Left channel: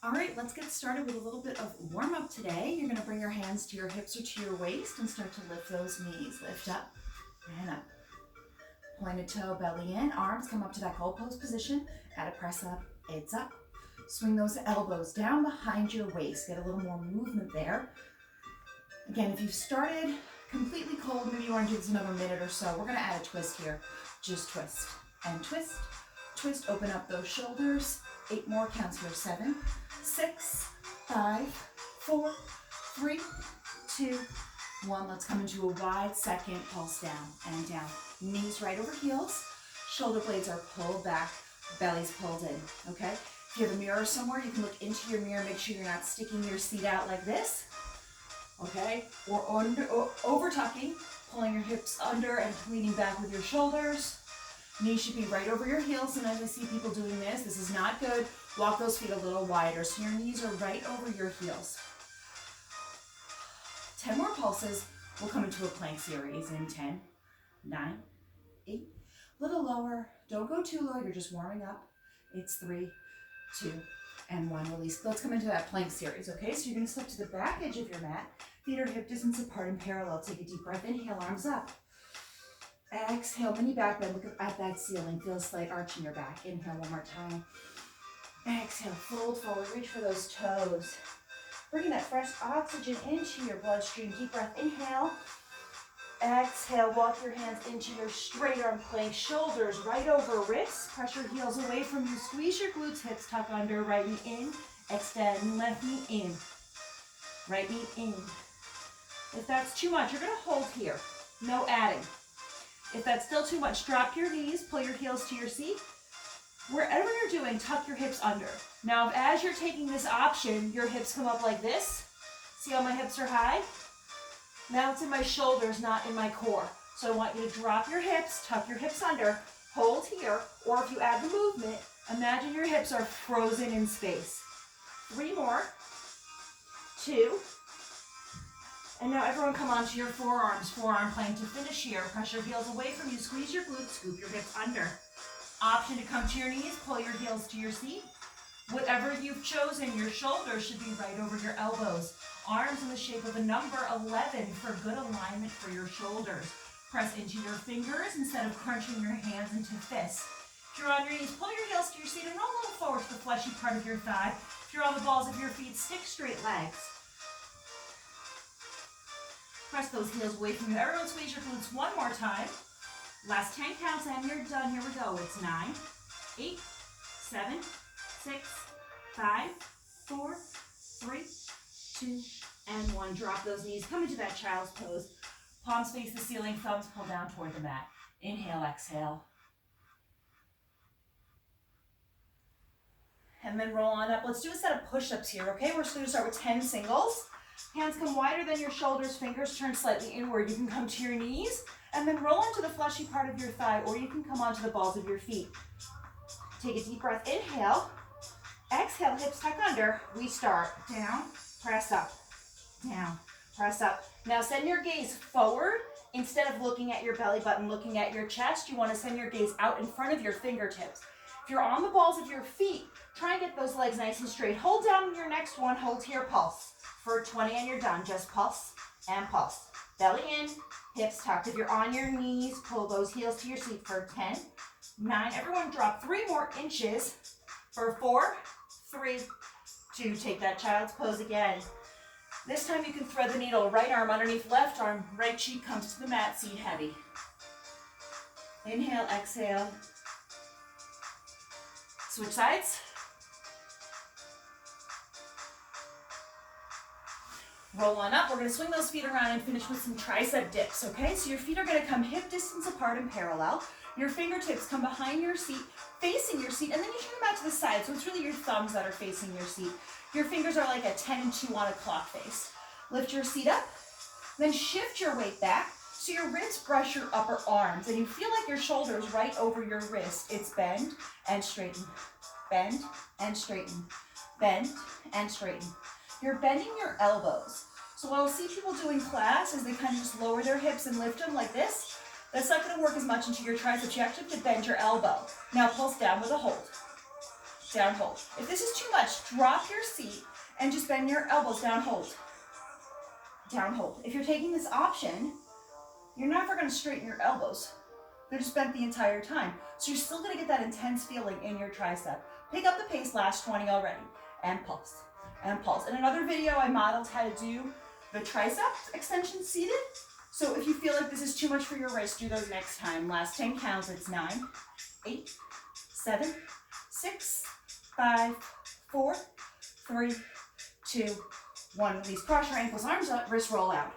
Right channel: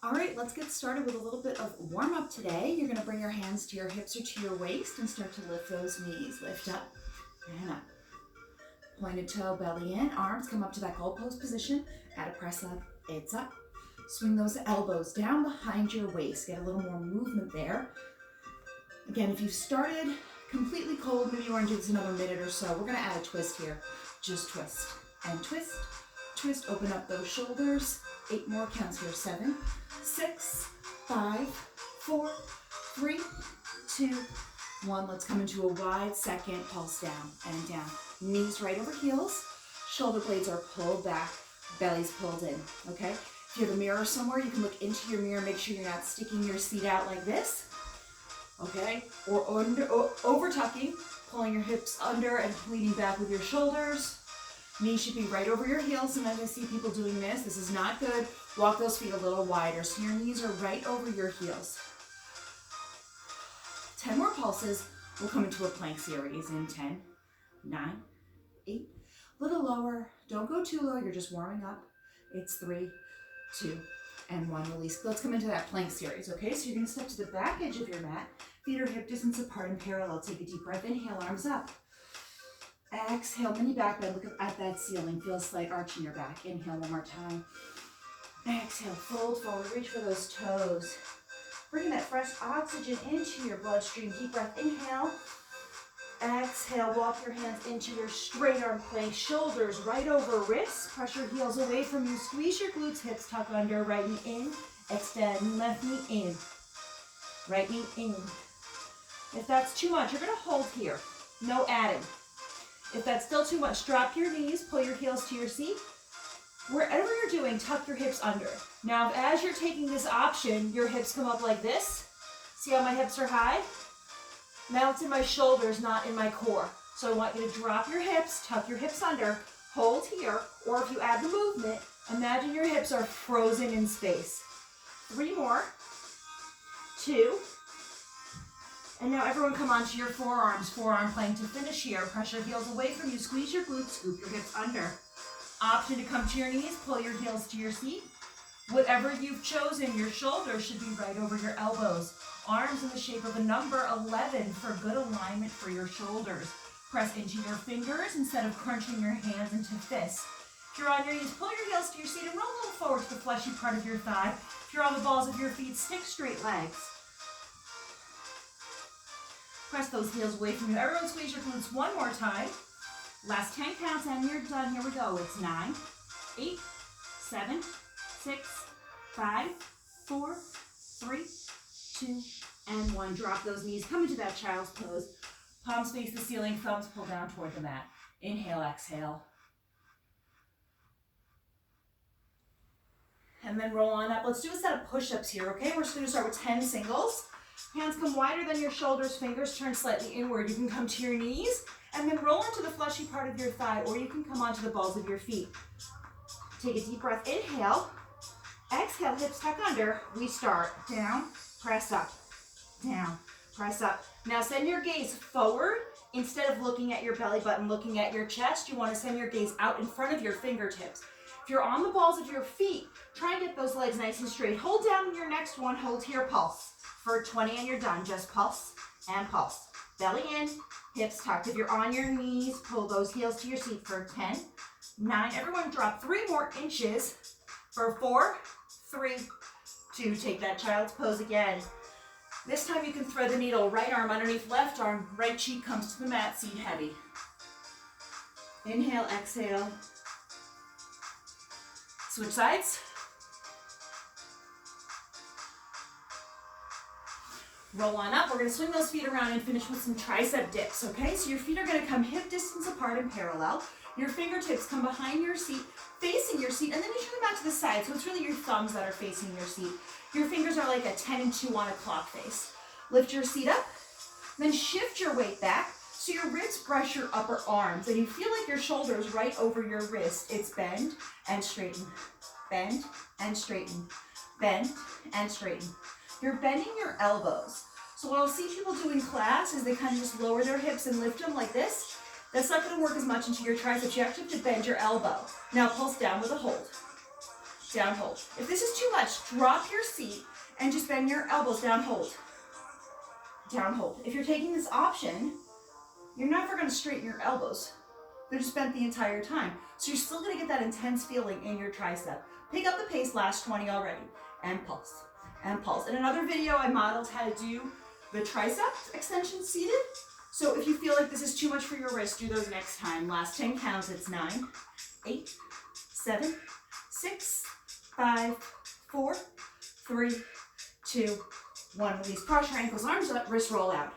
All right, let's get started with a little bit of warm up today. You're gonna bring your hands to your hips or to your waist and start to lift those knees. Lift up and up. Pointed toe, belly in, arms come up to that goal post position. Add a press up, it's up. Swing those elbows down behind your waist. Get a little more movement there. Again, if you started completely cold, maybe you want to do this another minute or so. We're gonna add a twist here. Just twist and twist. Twist, open up those shoulders. 8 more counts here. 7, 6, 5, 4, 3, 2, 1. Let's come into a wide second pulse down and down. Knees right over heels. Shoulder blades are pulled back. Belly's pulled in, okay? If you have a mirror somewhere, you can look into your mirror. Make sure you're not sticking your seat out like this, okay? Or over tucking, pulling your hips under and leaning back with your shoulders. Knees should be right over your heels, and as I see people doing this is not good. Walk those feet a little wider so your knees are right over your heels. 10 more pulses. We'll come into a plank series in 10, 9, 8. A little lower. Don't go too low. You're just warming up. It's 3, 2, and 1. Release. Let's come into that plank series, okay? So you're going to step to the back edge of your mat. Feet are hip distance apart and parallel. Take a deep breath. Inhale, arms up. Exhale, mini back bend. Look at that ceiling. Feel a slight arch in your back. Inhale one more time. Exhale, fold forward. Reach for those toes. Bringing that fresh oxygen into your bloodstream. Deep breath. Inhale. Exhale, walk your hands into your straight arm plank. Shoulders right over wrists. Press your heels away from you. Squeeze your glutes, hips tuck under. Right knee in. Extend. Left knee in. Right knee in. If that's too much, you're going to hold here. No adding. If that's still too much, drop your knees, pull your heels to your seat. Wherever you're doing, tuck your hips under. Now, as you're taking this option, your hips come up like this. See how my hips are high? Now it's in my shoulders, not in my core. So I want you to drop your hips, tuck your hips under, hold here, or if you add the movement, imagine your hips are frozen in space. 3 more. 2. And now everyone come onto your forearms, forearm plank to finish here. Press your heels away from you, squeeze your glutes, scoop your hips under. Option to come to your knees, pull your heels to your seat. Whatever you've chosen, your shoulders should be right over your elbows. Arms in the shape of a number 11 for good alignment for your shoulders. Press into your fingers instead of crunching your hands into fists. If you're on your knees, pull your heels to your seat and roll a little forward to the fleshy part of your thigh. If you're on the balls of your feet, stick straight legs. Press those heels away from you. Everyone squeeze your glutes one more time. Last 10 counts and you're done. Here we go. It's 9, 8, 7, 6, 5, 4, 3, 2, and 1. Drop those knees. Come into that child's pose. Palms face the ceiling. Thumbs pull down toward the mat. Inhale, exhale. And then roll on up. Let's do a set of push-ups here, okay? We're just going to start with 10 singles. Hands come wider than your shoulders, fingers turn slightly inward. You can come to your knees and then roll into the fleshy part of your thigh, or you can come onto the balls of your feet. Take a deep breath, inhale. Exhale, hips tuck under. We start down, press up, down, press up. Now send your gaze forward. Instead of looking at your belly button, looking at your chest, you want to send your gaze out in front of your fingertips. If you're on the balls of your feet, try and get those legs nice and straight. Hold down your next one, hold here, pulse. For 20 and you're done, just pulse and pulse. Belly in, hips tucked. If you're on your knees, pull those heels to your seat for 10, 9. Everyone drop 3 more inches for 4, 3, 2. Take that child's pose again. This time you can thread the needle. Right arm underneath left arm, right cheek comes to the mat, seat heavy. Inhale, exhale. Switch sides. Roll on up. We're going to swing those feet around and finish with some tricep dips, okay? So your feet are going to come hip distance apart and parallel. Your fingertips come behind your seat, facing your seat, and then you turn them out to the side. So it's really your thumbs that are facing your seat. Your fingers are like a 10 and 2 on a clock face. Lift your seat up, then shift your weight back so your ribs brush your upper arms, and you feel like your shoulders right over your wrist. It's bend and straighten, bend and straighten, bend and straighten. You're bending your elbows. So what I'll see people do in class is they kind of just lower their hips and lift them like this. That's not going to work as much into your triceps. You actually have to bend your elbow. Now pulse down with a hold. down, hold. If this is too much, drop your seat and just bend your elbows, down, hold. Down, hold. If you're taking this option, you're never gonna straighten your elbows. They're just bent the entire time. So you're still gonna get that intense feeling in your tricep. Pick up the pace, last 20 already, and pulse, and pulse. In another video, I modeled how to do the tricep extension seated. So if you feel like this is too much for your wrist, do those next time. Last 10 counts, it's 9, 8, 7, 6, 5, 4, 3, 2, 1. Release, cross your ankles, arms up, wrist roll out.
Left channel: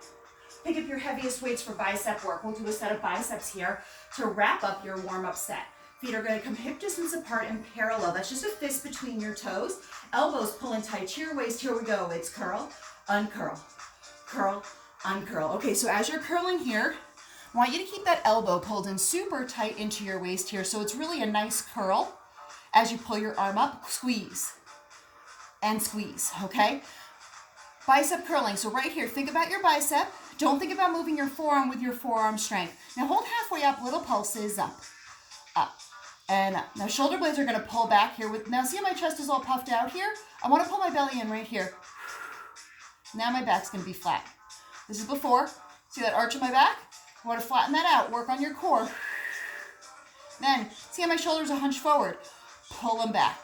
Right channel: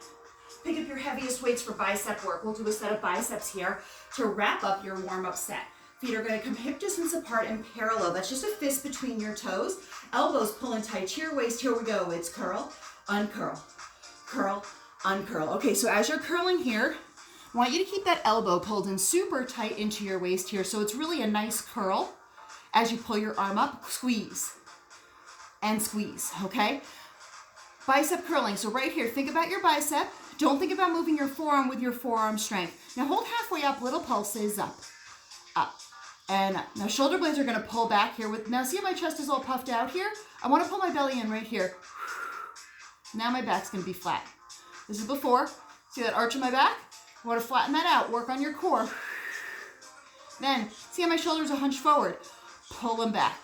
Pick up your heaviest weights for bicep work. We'll do a set of biceps here to wrap up your warm-up set. Feet are gonna come hip distance apart and parallel. That's just a fist between your toes. Elbows pulling tight to your waist. Here we go. It's curl, uncurl, curl, uncurl. Okay, so as you're curling here, I want you to keep that elbow pulled in super tight into your waist here. So it's really a nice curl. As you pull your arm up, squeeze and squeeze, okay? Bicep curling. So right here, think about your bicep. Don't think about moving your forearm with your forearm strength. Now hold halfway up, little pulses, up, up, and up. Now shoulder blades are gonna pull back here. Now see how my chest is all puffed out here? I wanna pull my belly in right here. Now my back's gonna be flat. This is before. See that arch in my back? I wanna flatten that out, work on your core. Then, see how my shoulders are hunched forward? Pull them back.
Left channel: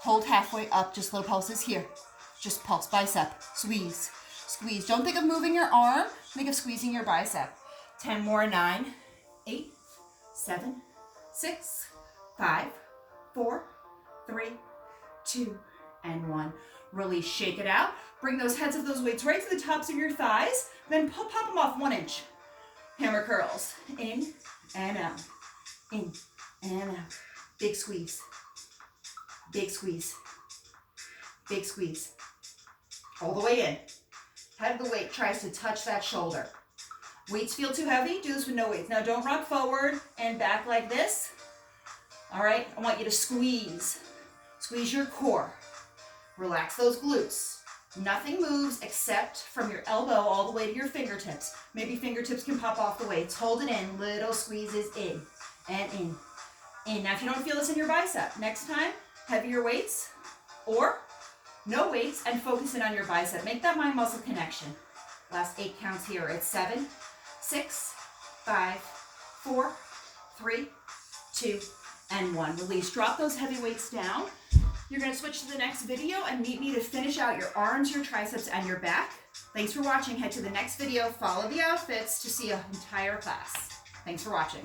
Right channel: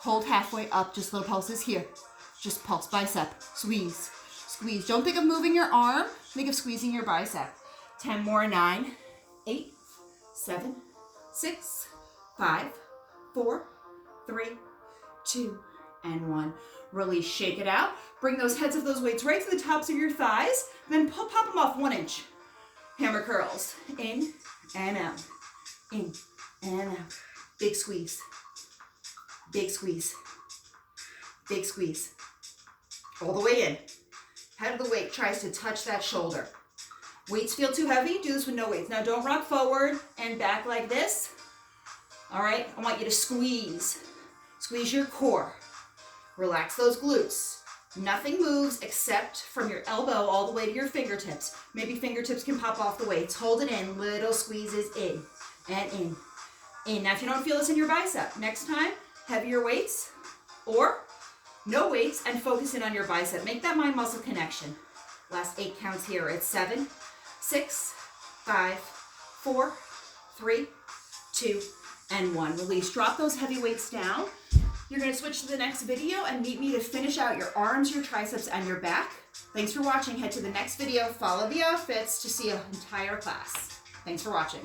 Hold halfway up, just little pulses here. Just pulse, bicep, squeeze, squeeze. Don't think of moving your arm, think of squeezing your bicep. 10 more, 9, 8, 7, 6, 5, 4, 3, 2, and 1. Release, shake it out. Bring those heads of those weights right to the tops of your thighs, then pop them off 1 inch. Hammer curls, in and out, in and out. Big squeeze, big squeeze, big squeeze. All the way in. Head of the weight tries to touch that shoulder. Weights feel too heavy? Do this with no weights. Now don't rock forward and back like this. All right, I want you to squeeze. Squeeze your core. Relax those glutes. Nothing moves except from your elbow all the way to your fingertips. Maybe fingertips can pop off the weights. Hold it in, little squeezes in and in, in. Now if you don't feel this in your bicep, next time, heavier weights or no weights and focus in on your bicep. Make that mind-muscle connection. Last 8 counts here. It's 7, 6, 5, 4, 3, 2, and 1. Release. Drop those heavy weights down. You're going to switch to the next video and meet me to finish out your arms, your triceps, and your back. Thanks for watching. Head to the next video. Follow the outfits to see an entire class. Thanks for watching.